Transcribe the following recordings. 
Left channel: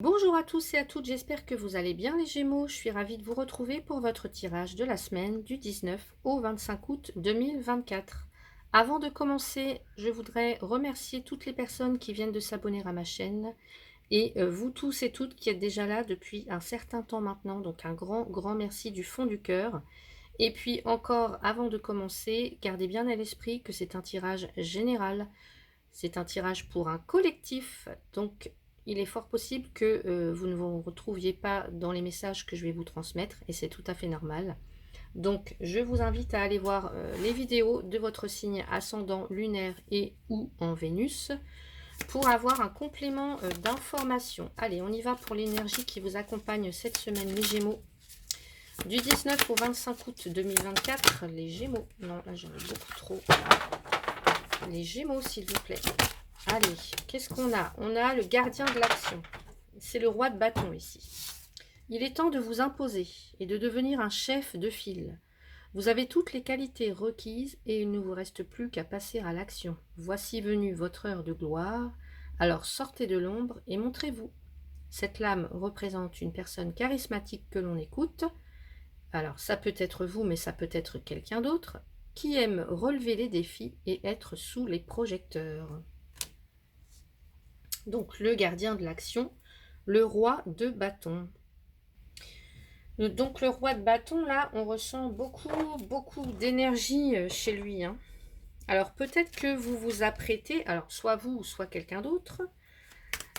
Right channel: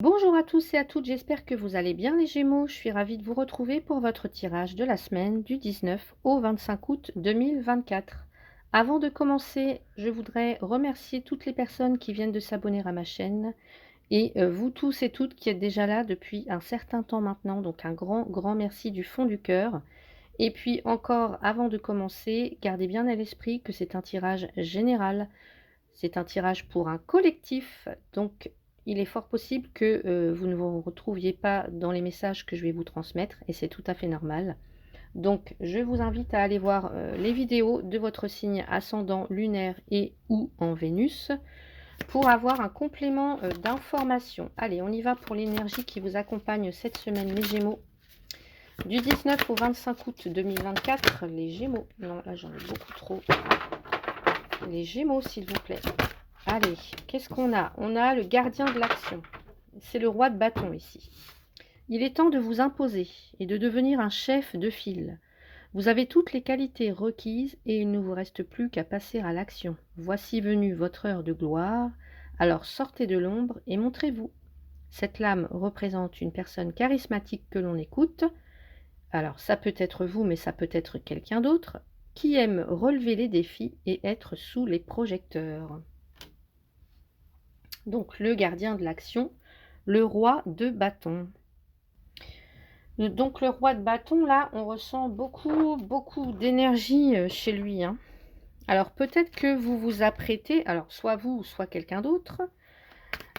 Bonjour à tous et à toutes, j'espère que vous allez bien les Gémeaux. Je suis ravie de vous retrouver pour votre tirage de la semaine du 19 au 25 août 2024. Avant de commencer, je voudrais remercier toutes les personnes qui viennent de s'abonner à ma chaîne et vous tous et toutes qui êtes déjà là depuis un certain temps maintenant. Donc un grand merci du fond du cœur. Et puis encore, avant de commencer, gardez bien à l'esprit que c'est un tirage général. C'est un tirage pour un collectif, donc il est fort possible que vous ne vous retrouviez pas dans les messages que je vais vous transmettre, et c'est tout à fait normal. Donc je vous invite à aller voir les vidéos de votre signe ascendant lunaire et ou en Vénus pour avoir un complément d'information. Allez, on y va pour l'énergie qui vous accompagne cette semaine, les Gémeaux. Du 19 au 25 août 2024, les Gémeaux. Non, là j'en ai beaucoup trop. Les Gémeaux, s'il vous plaît. Allez, qu'est-ce qu'on a? On a le gardien de l'action. C'est le roi de bâton ici. Il est temps de vous imposer et de devenir un chef de file. Vous avez toutes les qualités requises et il ne vous reste plus qu'à passer à l'action. Voici venue votre heure de gloire. Alors sortez de l'ombre et montrez-vous. Cette lame représente une personne charismatique que l'on écoute. Alors ça peut être vous, mais ça peut être quelqu'un d'autre, qui aime relever les défis et être sous les projecteurs. Donc le gardien de l'action, le roi de bâton. Donc le roi de bâton, là, on ressent beaucoup d'énergie chez lui, hein. Alors peut-être que vous vous apprêtez, alors soit vous, soit quelqu'un d'autre,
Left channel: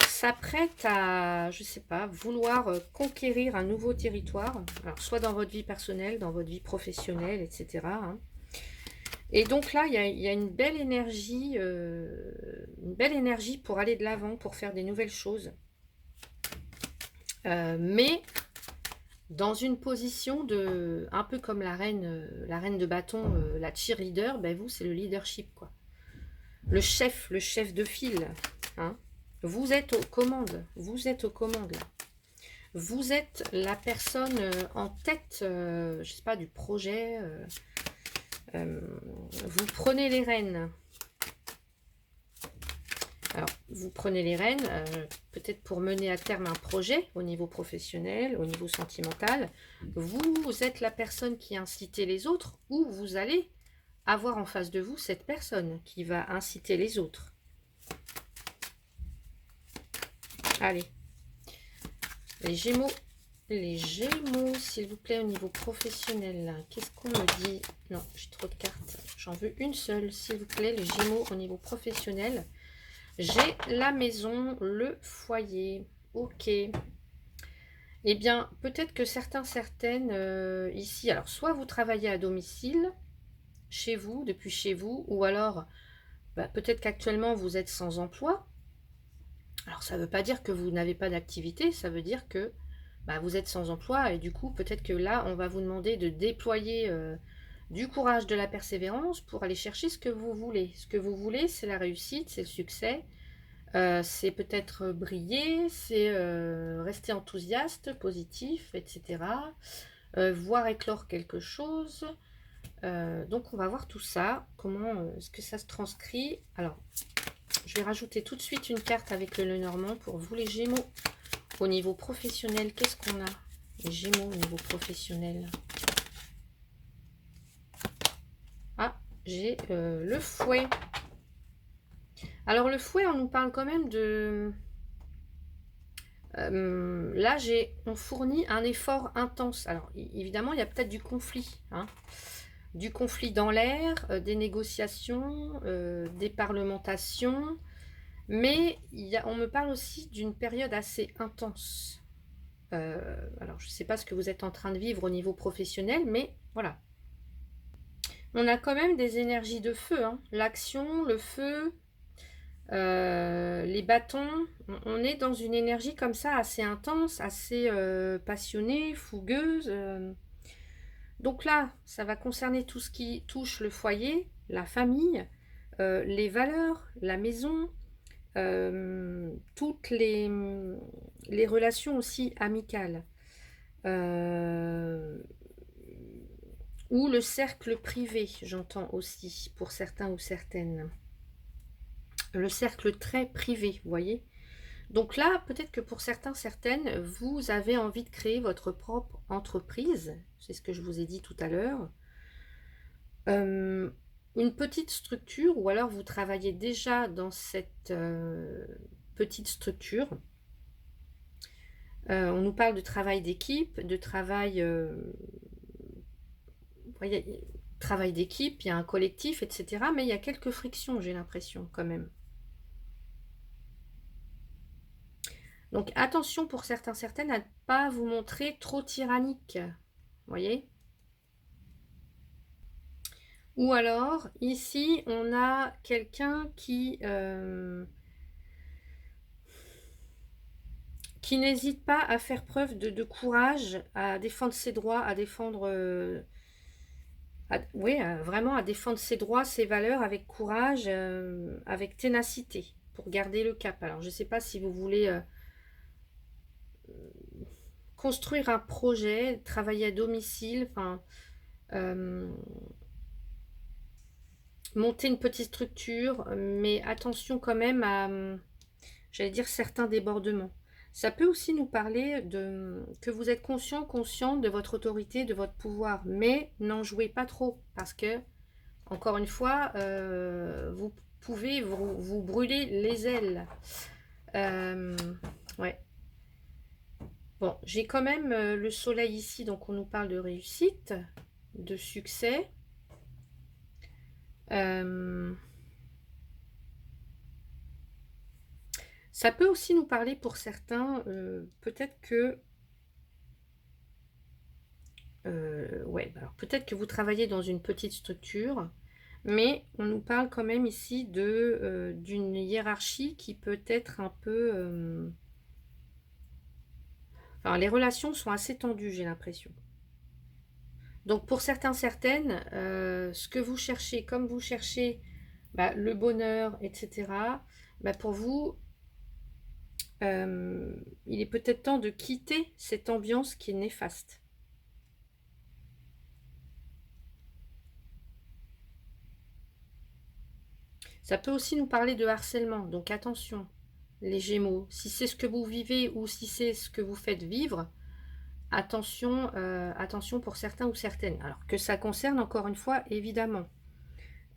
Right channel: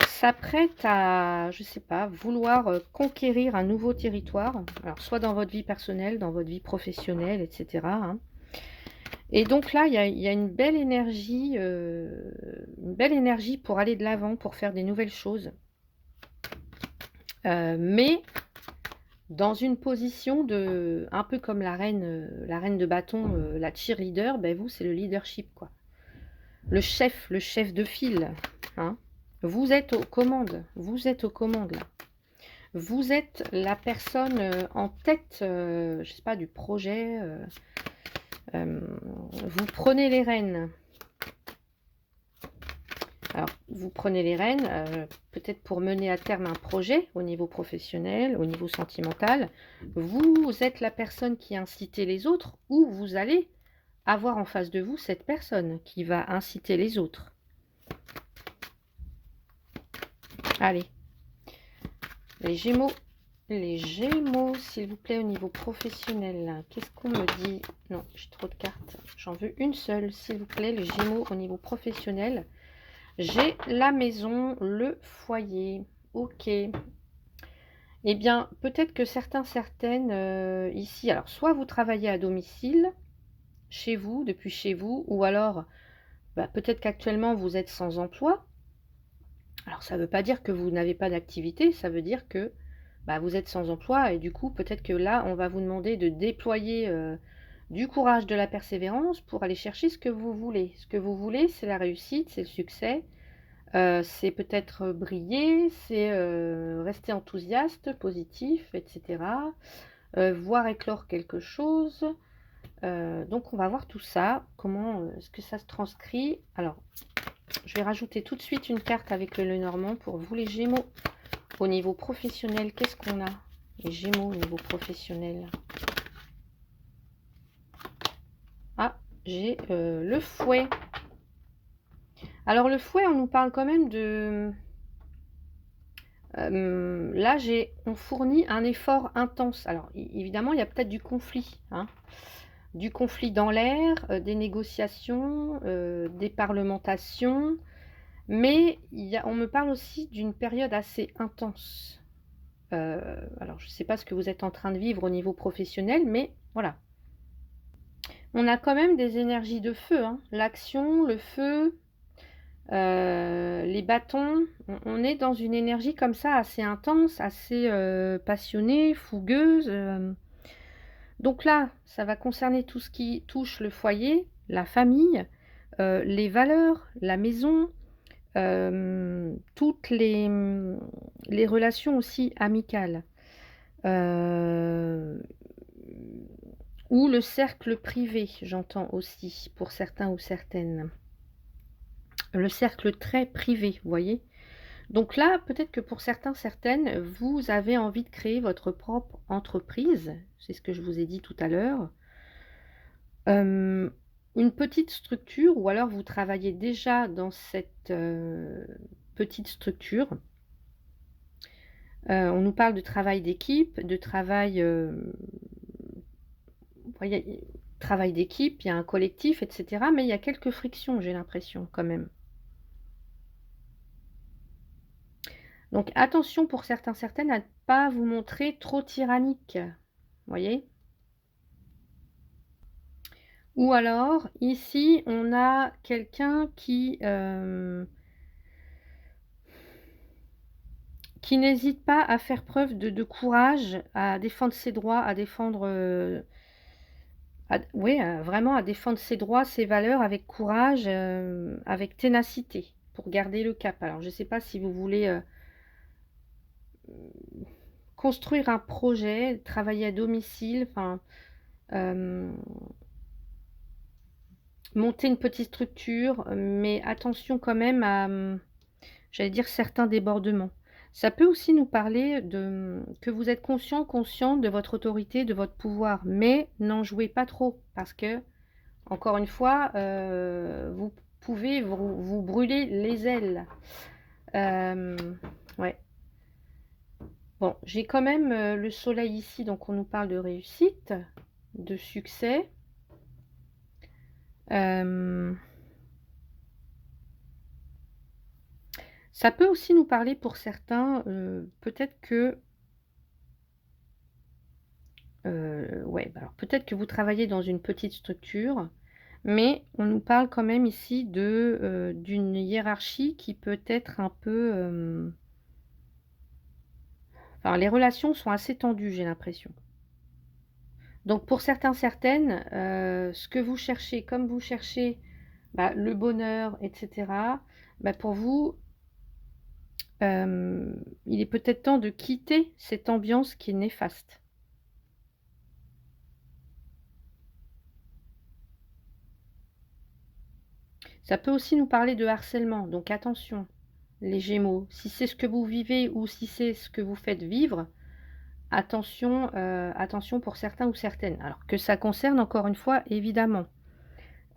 s'apprête à, je sais pas, vouloir conquérir un nouveau territoire. Alors soit dans votre vie personnelle, dans votre vie professionnelle, etc., hein. Et donc là, il y a une belle énergie pour aller de l'avant, pour faire des nouvelles choses. Mais dans une position de, un peu comme la reine de bâton, la cheerleader, ben vous, c'est le leadership, quoi. Le chef de file, hein. Vous êtes aux commandes, là. Vous êtes la personne en tête, je sais pas, du projet. Vous prenez les rênes. Alors, vous prenez les rênes, peut-être pour mener à terme un projet au niveau professionnel, au niveau sentimental. Vous êtes la personne qui incite les autres, ou vous allez avoir en face de vous cette personne qui va inciter les autres. Allez, les Gémeaux, s'il vous plaît, au niveau professionnel, qu'est-ce qu'on me dit? Non, j'ai trop de cartes, j'en veux une seule, s'il vous plaît, les Gémeaux au niveau professionnel. J'ai la maison, le foyer. Ok. Eh bien, peut-être que certaines ici, alors soit vous travaillez à domicile, chez vous, depuis chez vous, ou alors peut-être qu'actuellement vous êtes sans emploi. Alors ça ne veut pas dire que vous n'avez pas d'activité, ça veut dire que vous êtes sans emploi et du coup peut-être que là on va vous demander de déployer du courage, de la persévérance pour aller chercher ce que vous voulez. Ce que vous voulez, c'est la réussite, c'est le succès. C'est peut-être briller, c'est rester enthousiaste, positif, etc. Voir éclore quelque chose. Donc on va voir tout ça, comment est-ce que ça se transcrit. Alors, je vais rajouter tout de suite une carte avec le Lenormand pour vous les Gémeaux. Au niveau professionnel, qu'est-ce qu'on a? Les Gémeaux au niveau professionnel. Ah, j'ai le fouet. Alors le fouet, on nous parle quand même de... là, on fournit un effort intense. Alors, évidemment, il y a peut-être du conflit, hein. Du conflit dans l'air, des négociations, des parlementations. Mais on me parle aussi d'une période assez intense. Alors, je ne sais pas ce que vous êtes en train de vivre au niveau professionnel, mais voilà. On a quand même des énergies de feu, hein. L'action, le feu... les bâtons, on est dans une énergie comme ça assez intense, assez passionnée, fougueuse. Donc là, ça va concerner tout ce qui touche le foyer, la famille, les valeurs, la maison, toutes les relations aussi amicales. Ou le cercle privé, j'entends aussi, pour certains ou certaines. Le cercle très privé, vous voyez. Donc là, peut-être que pour certains, certaines, vous avez envie de créer votre propre entreprise. C'est ce que je vous ai dit tout à l'heure. Une petite structure ou alors vous travaillez déjà dans cette, petite structure. On nous parle de travail d'équipe, de travail, voyez, travail d'équipe, il y a un collectif, et cetera, mais il y a quelques frictions, j'ai l'impression quand même. Donc attention pour certains, certaines à ne pas vous montrer trop tyrannique, voyez? Ou alors, ici, on a quelqu'un qui n'hésite pas à faire preuve de courage, à défendre ses droits, à défendre, oui, vraiment à défendre ses droits, ses valeurs avec courage, avec ténacité, pour garder le cap. Alors, je ne sais pas si vous voulez construire un projet, travailler à domicile, enfin, euh, monter une petite structure, mais attention quand même à, j'allais dire, certains débordements. Ça peut aussi nous parler de que vous êtes conscient, consciente de votre autorité, de votre pouvoir, mais n'en jouez pas trop, parce que, encore une fois, vous pouvez vous brûler les ailes. Euh, ouais. Bon, j'ai quand même le soleil ici, donc on nous parle de réussite, de succès. Euh, Ça peut aussi nous parler pour certains, peut-être que, ouais, bah alors peut-être que vous travaillez dans une petite structure, mais on nous parle quand même ici d'une hiérarchie qui peut être un peu, enfin, les relations sont assez tendues, j'ai l'impression. Donc pour certains, certaines, ce que vous cherchez, comme vous cherchez bah, le bonheur, etc., bah, pour vous, il est peut-être temps de quitter cette ambiance qui est néfaste. Ça peut aussi nous parler de harcèlement, donc attention, les Gémeaux. Si c'est ce que vous vivez ou si c'est ce que vous faites vivre, attention, attention pour certains ou certaines. Alors que ça concerne encore une fois, évidemment.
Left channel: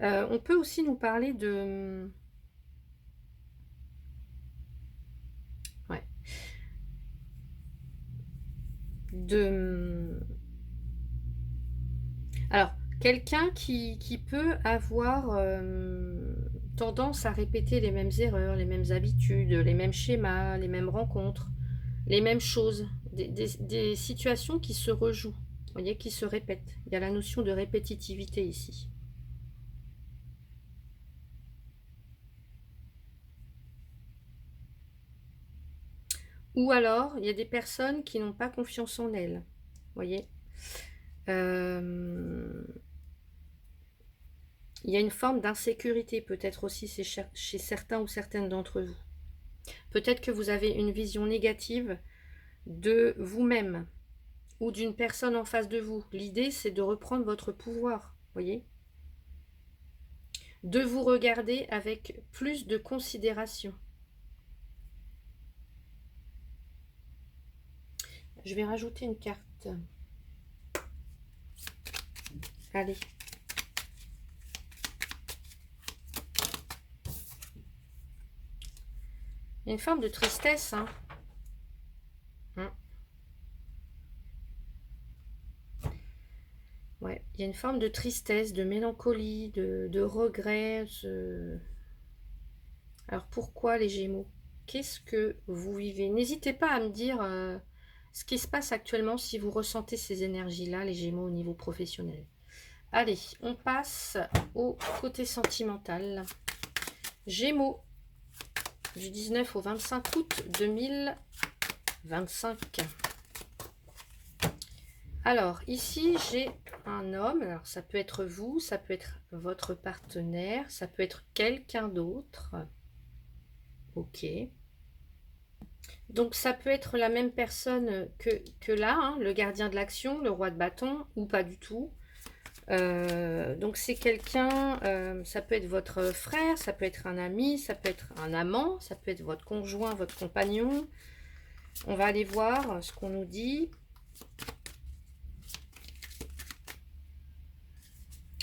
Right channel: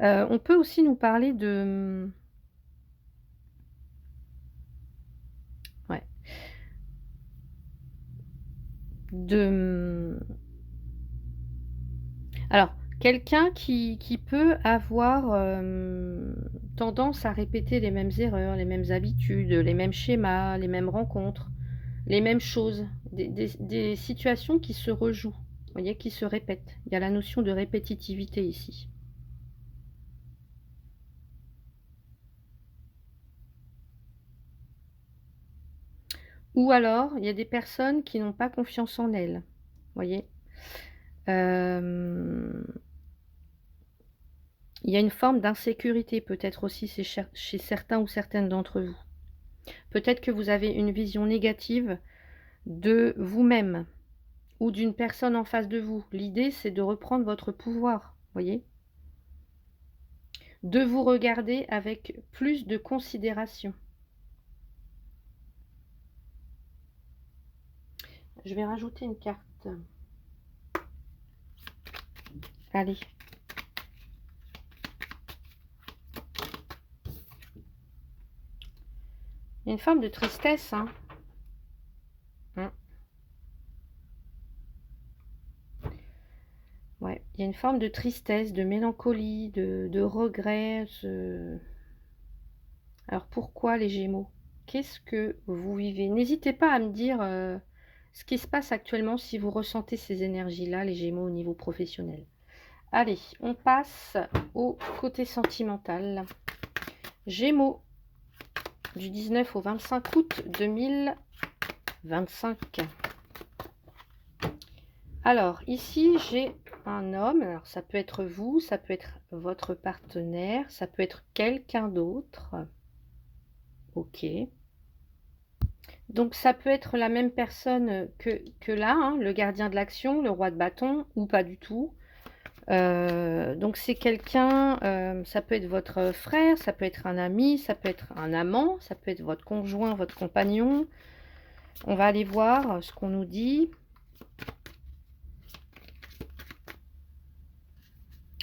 On peut aussi nous parler ouais, de, alors, quelqu'un qui peut avoir tendance à répéter les mêmes erreurs, les mêmes habitudes, les mêmes schémas, les mêmes rencontres, les mêmes choses, des situations qui se rejouent, vous voyez, qui se répètent. Il y a la notion de répétitivité ici. Ou alors, il y a des personnes qui n'ont pas confiance en elles, vous voyez. Euh, il y a une forme d'insécurité peut-être aussi chez certains ou certaines d'entre vous. Peut-être que vous avez une vision négative de vous-même ou d'une personne en face de vous. L'idée, c'est de reprendre votre pouvoir, voyez, de vous regarder avec plus de considération. Je vais rajouter une carte. Allez. Il y a une forme de tristesse, hein. Ouais, il y a une forme de tristesse, de mélancolie, de regret. Alors pourquoi les Gémeaux? Qu'est-ce que vous vivez? N'hésitez pas à me dire ce qui se passe actuellement si vous ressentez ces énergies-là, les Gémeaux, au niveau professionnel. Allez, on passe au côté sentimental. Gémeaux, du 19 au 25 août 2025. Alors, ici, j'ai un homme. Alors, ça peut être vous, ça peut être votre partenaire, ça peut être quelqu'un d'autre. Ok. Donc, ça peut être la même personne que là, hein, le gardien de l'action, le roi de bâton, ou pas du tout. Donc c'est quelqu'un, ça peut être votre frère, ça peut être un ami, ça peut être un amant, ça peut être votre conjoint, votre compagnon. On va aller voir ce qu'on nous dit.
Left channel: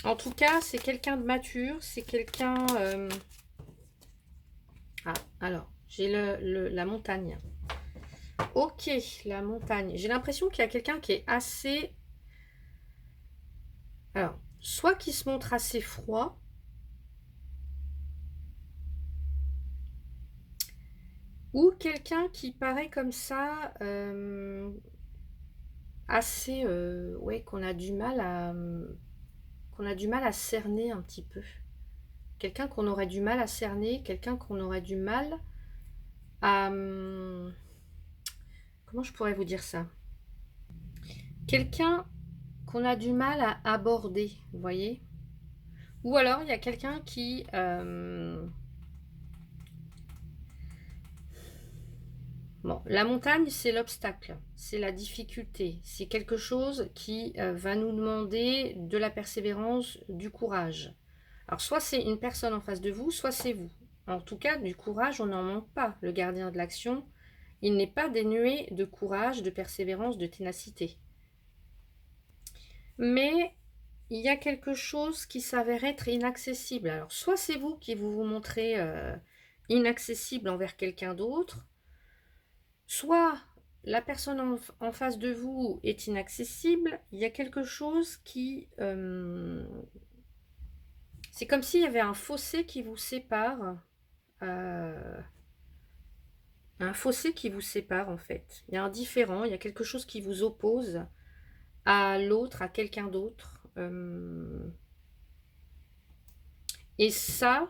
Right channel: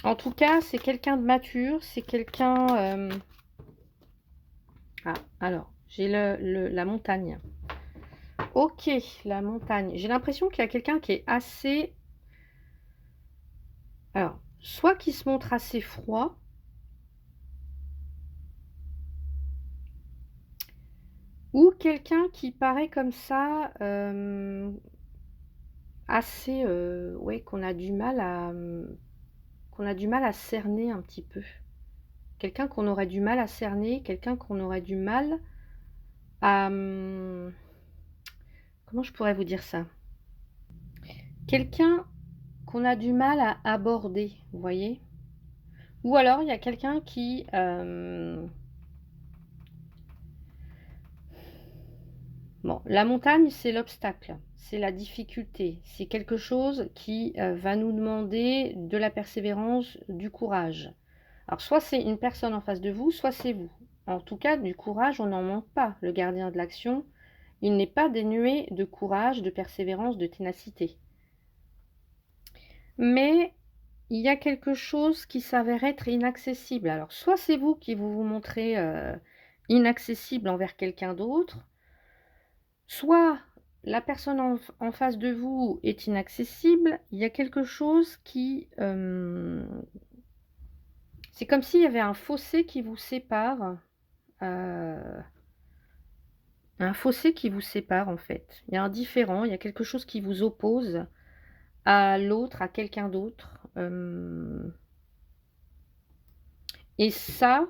En tout cas, c'est quelqu'un de mature, c'est quelqu'un... Ah, alors, j'ai la montagne. Ok, la montagne. J'ai l'impression qu'il y a quelqu'un qui est assez... Alors, soit qui se montre assez froid, ou quelqu'un qui paraît comme ça, assez... ouais, qu'on a du mal à cerner un petit peu. Quelqu'un qu'on aurait du mal à cerner, quelqu'un qu'on aurait du mal à... comment je pourrais vous dire ça? Quelqu'un qu'on a du mal à aborder, vous voyez? Ou alors, il y a quelqu'un qui... bon, la montagne, c'est l'obstacle, c'est la difficulté, c'est quelque chose qui va nous demander de la persévérance, du courage. Alors, soit c'est une personne en face de vous, soit c'est vous. En tout cas, du courage, on n'en manque pas. Le gardien de l'action, il n'est pas dénué de courage, de persévérance, de ténacité. Mais il y a quelque chose qui s'avère être inaccessible. Alors, soit c'est vous qui vous montrez inaccessible envers quelqu'un d'autre, soit la personne en face de vous est inaccessible. Il y a quelque chose qui... c'est comme s'il y avait un fossé qui vous sépare. Un fossé qui vous sépare, en fait. Il y a un différent, il y a quelque chose qui vous oppose à l'autre, à quelqu'un d'autre. Et ça,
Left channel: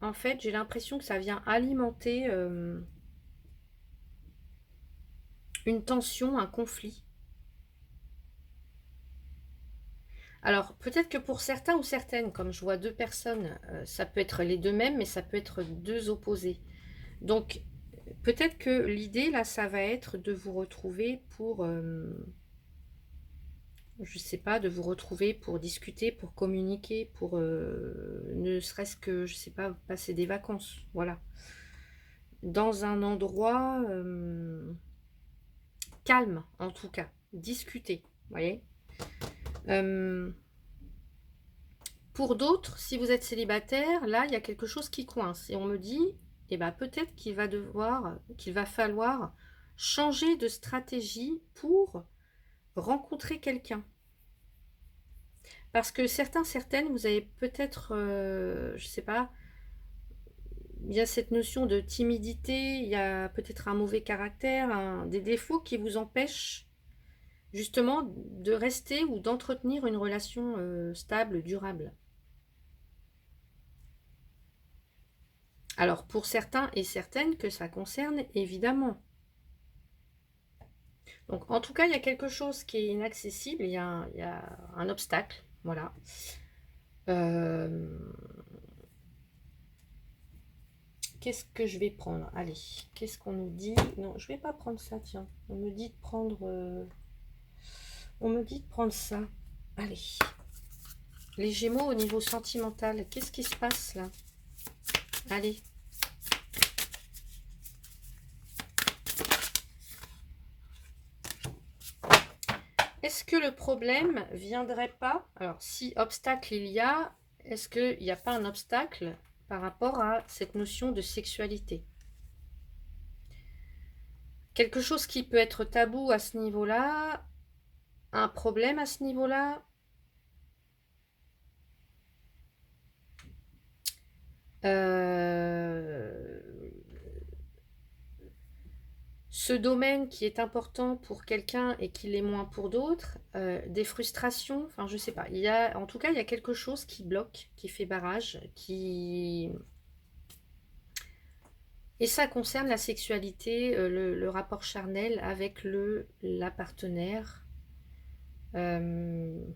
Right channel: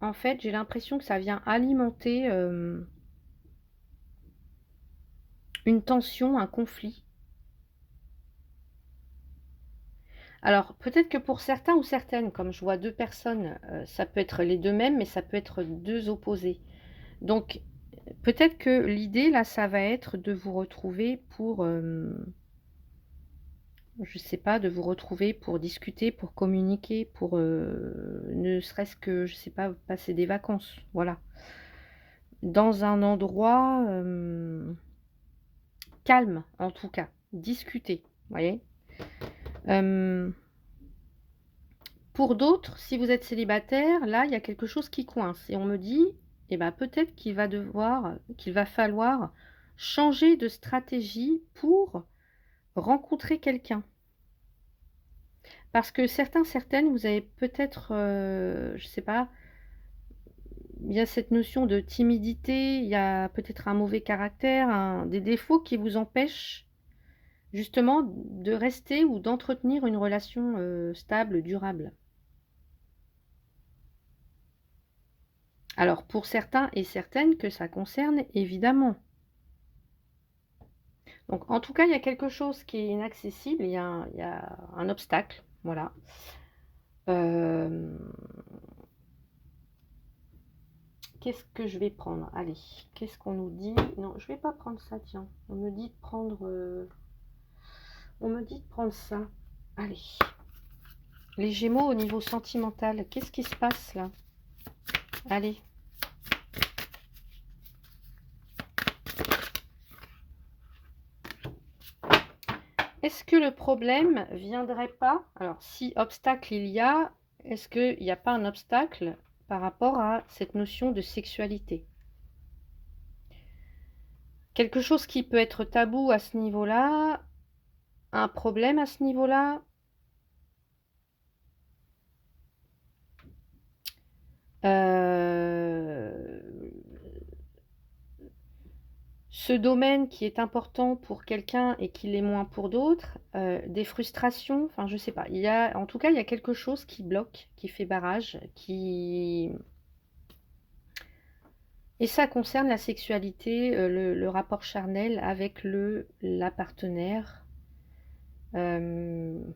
en fait, j'ai l'impression que ça vient alimenter une tension, un conflit. Alors, peut-être que pour certains ou certaines, comme je vois deux personnes, ça peut être les deux mêmes, mais ça peut être deux opposés. Donc, peut-être que l'idée, là, ça va être de vous retrouver pour, je sais pas, de vous retrouver pour discuter, pour communiquer, pour ne serait-ce que, je sais pas, passer des vacances, voilà. Dans un endroit calme, en tout cas. Discuter, vous voyez. Pour d'autres, si vous êtes célibataire, là, il y a quelque chose qui coince. Et on me dit, eh ben, peut-être qu'il va falloir changer de stratégie pour rencontrer quelqu'un. Parce que certaines, vous avez peut-être, je sais pas, il y a cette notion de timidité, il y a peut-être un mauvais caractère, des défauts qui vous empêchent justement de rester ou d'entretenir une relation stable, durable. Alors pour certains et certaines que ça concerne, évidemment. Donc en tout cas, il y a quelque chose qui est inaccessible, il y a un obstacle, voilà. Qu'est-ce que je vais prendre? Allez, qu'est-ce qu'on nous dit? Non, je vais pas prendre ça, tiens. On me dit de prendre... on me dit de prendre ça. Allez. Les Gémeaux au niveau sentimental, qu'est-ce qui se passe là? Allez. Est-ce que le problème viendrait pas... Alors, si obstacle il y a, est-ce qu'il n'y a pas un obstacle par rapport à cette notion de sexualité? Quelque chose qui peut être tabou à ce niveau-là, un problème à ce niveau-là. Ce domaine qui est important pour quelqu'un et qui l'est moins pour d'autres, des frustrations, enfin je sais pas, en tout cas il y a quelque chose qui bloque, qui fait barrage, et ça concerne la sexualité, le rapport charnel avec la partenaire. Ouais.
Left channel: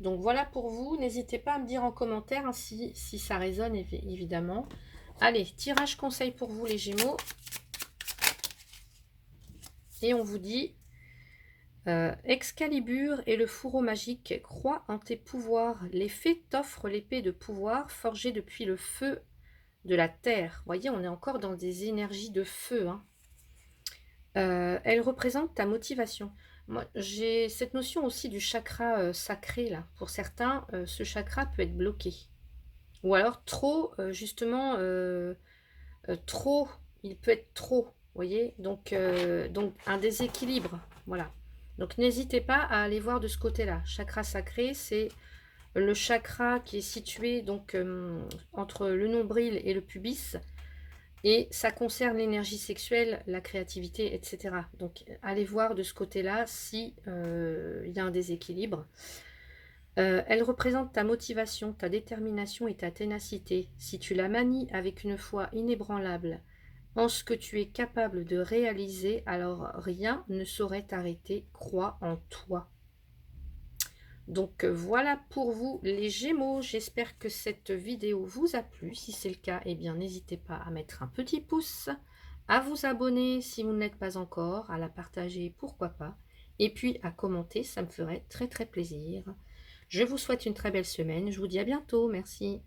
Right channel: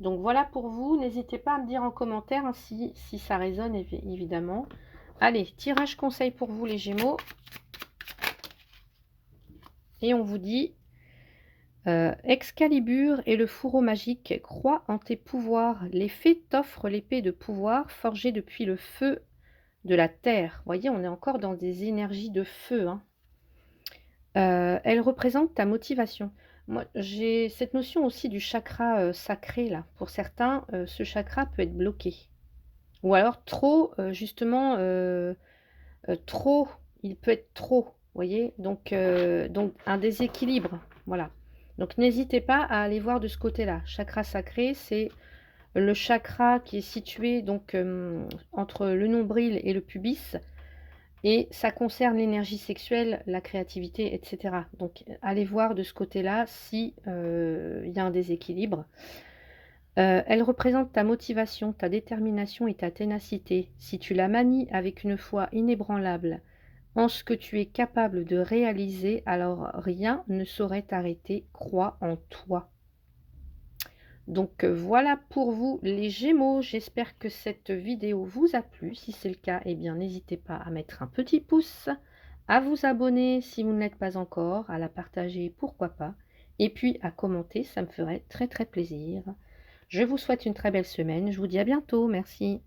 Donc voilà pour vous, n'hésitez pas à me dire en commentaire hein, si ça résonne évidemment. Allez, tirage conseil pour vous les Gémeaux. Et on vous dit Excalibur et le fourreau magique, crois en tes pouvoirs. L'effet t'offre l'épée de pouvoir forgée depuis le feu de la terre. Vous voyez, on est encore dans des énergies de feu, hein. Elle représente ta motivation. Moi, j'ai cette notion aussi du chakra sacré, là. Pour certains, ce chakra peut être bloqué. Ou alors trop, justement, trop, il peut être trop, vous voyez? Donc un déséquilibre, voilà. Donc n'hésitez pas à aller voir de ce côté-là. Chakra sacré, c'est le chakra qui est situé donc entre le nombril et le pubis, et ça concerne l'énergie sexuelle, la créativité, etc. Donc allez voir de ce côté-là si il y a un déséquilibre. Elle représente ta motivation, ta détermination et ta ténacité. Si tu la manies avec une foi inébranlable en ce que tu es capable de réaliser, alors rien ne saurait t'arrêter. Crois en toi. Donc voilà pour vous les Gémeaux. J'espère que cette vidéo vous a plu. Si c'est le cas, eh bien n'hésitez pas à mettre un petit pouce, à vous abonner si vous ne l'êtes pas encore, à la partager, pourquoi pas, et puis à commenter, ça me ferait très très plaisir. Je vous souhaite une très belle semaine. Je vous dis à bientôt. Merci.